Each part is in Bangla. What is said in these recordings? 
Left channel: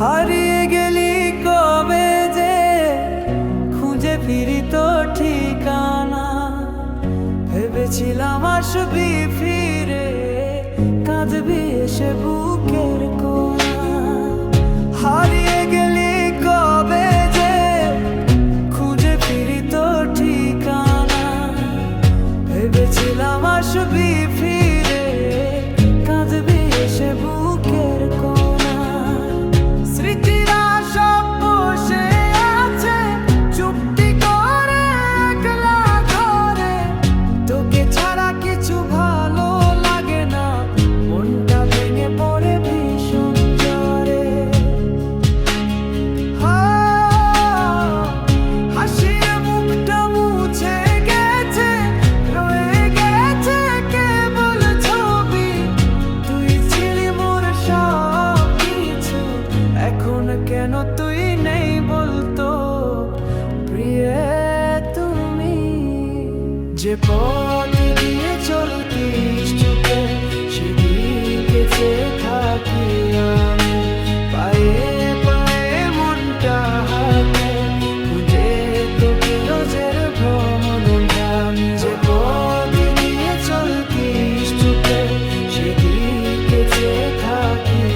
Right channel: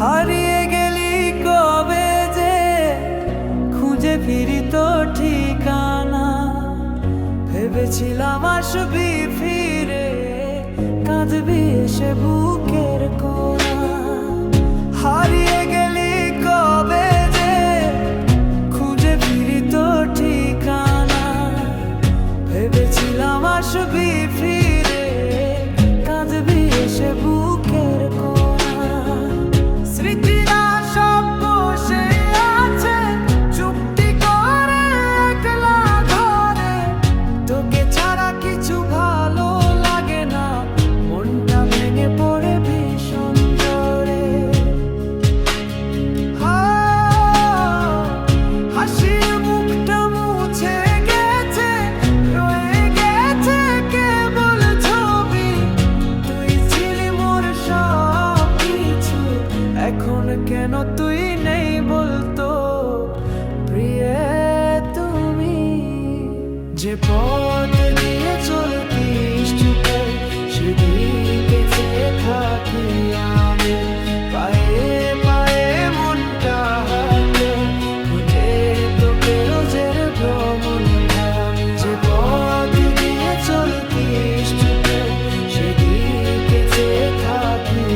হারিয়ে গেলি কবে যে, খুঁজে ফিরি তো ঠিকানা। ভেবেছিলাম আসবি ফিরে, কাঁদবি এসে বুকের কোনা হারিয়ে গেলি কবে যে, খুঁজে ফিরি তো ঠিকানা। ভেবেছিলাম আসবি ফিরে, কাঁদবি এসে বুকের কোনা স্মৃতিরা সব বসে আছে চুপটি করে একলা ঘরে। তোকে ছাড়া কিছু ভালো এখন কেন তুই নেই বলতো? প্রিয়, তুমি যে পথ দিয়ে চলতিস চুপে, সেদিকে চেয়ে থাকি আমি। পায়ে পায়ে মনটা হাকে, খুঁজে তোকে রোজের ভ্রমণ ধামি। যে পথ দিয়ে চলতিস চুপে, সেদিকে চেয়ে থাকি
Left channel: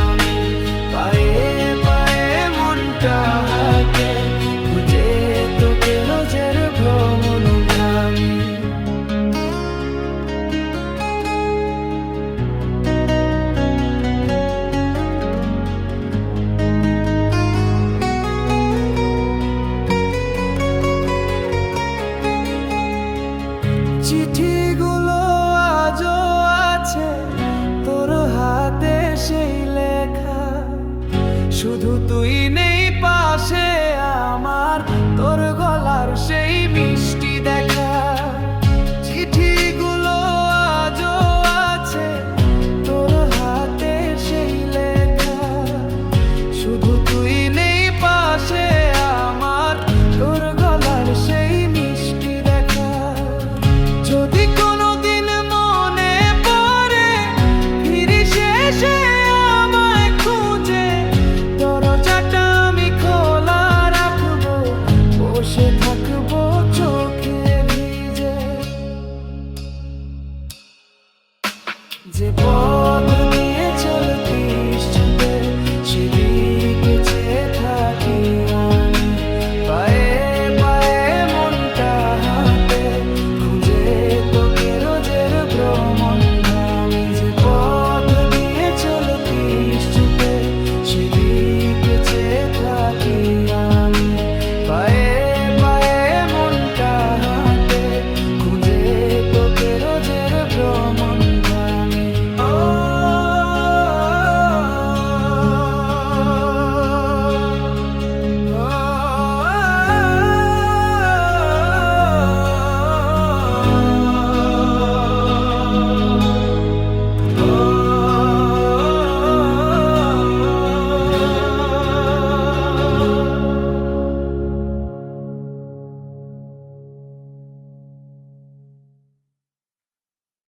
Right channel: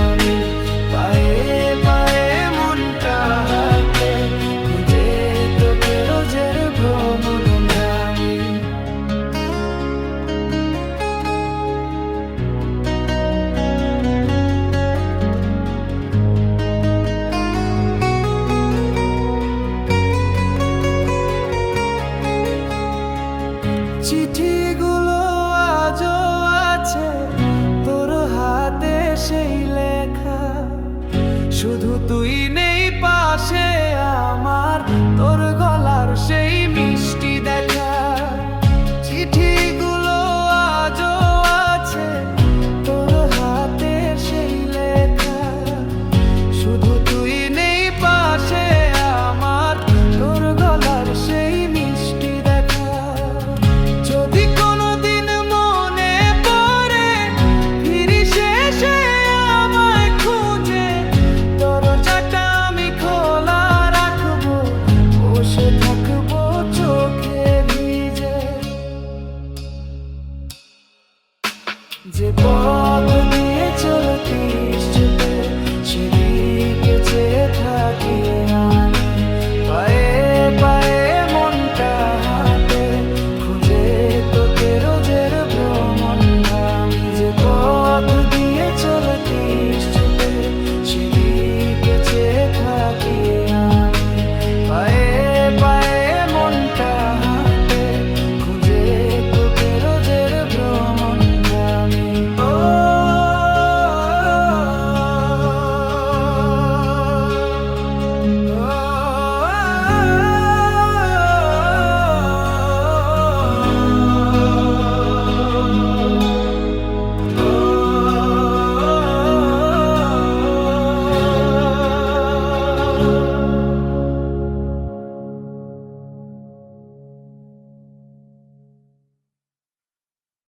আমি। পায়ে পায়ে মনটা হাকে, খুঁজে তোকে রোজের ভ্রমণ ধামি। চিঠিগুলো আজও আছে, তোর হাতে সেই লেখা। শুধু তুই নেই পাশে আমার, তোর গলার সেই মিষ্টি দেখা। চিঠিগুলো আজও আছে তোর হাতে সেই লেখা। শুধু তুই নেই বসে থাকব চোখে ভিজে। যে পথ দিয়ে চলতিস চুপে সেদিকে চেয়ে থাকি আমি। পায়ে পায়ে মনটা হাঁটে, খুঁজে তোকে রোজের ভ্রমণ আমি যে পথ দিয়ে চলতিস চুপে সেদিকে চেয়ে থাকি আমি।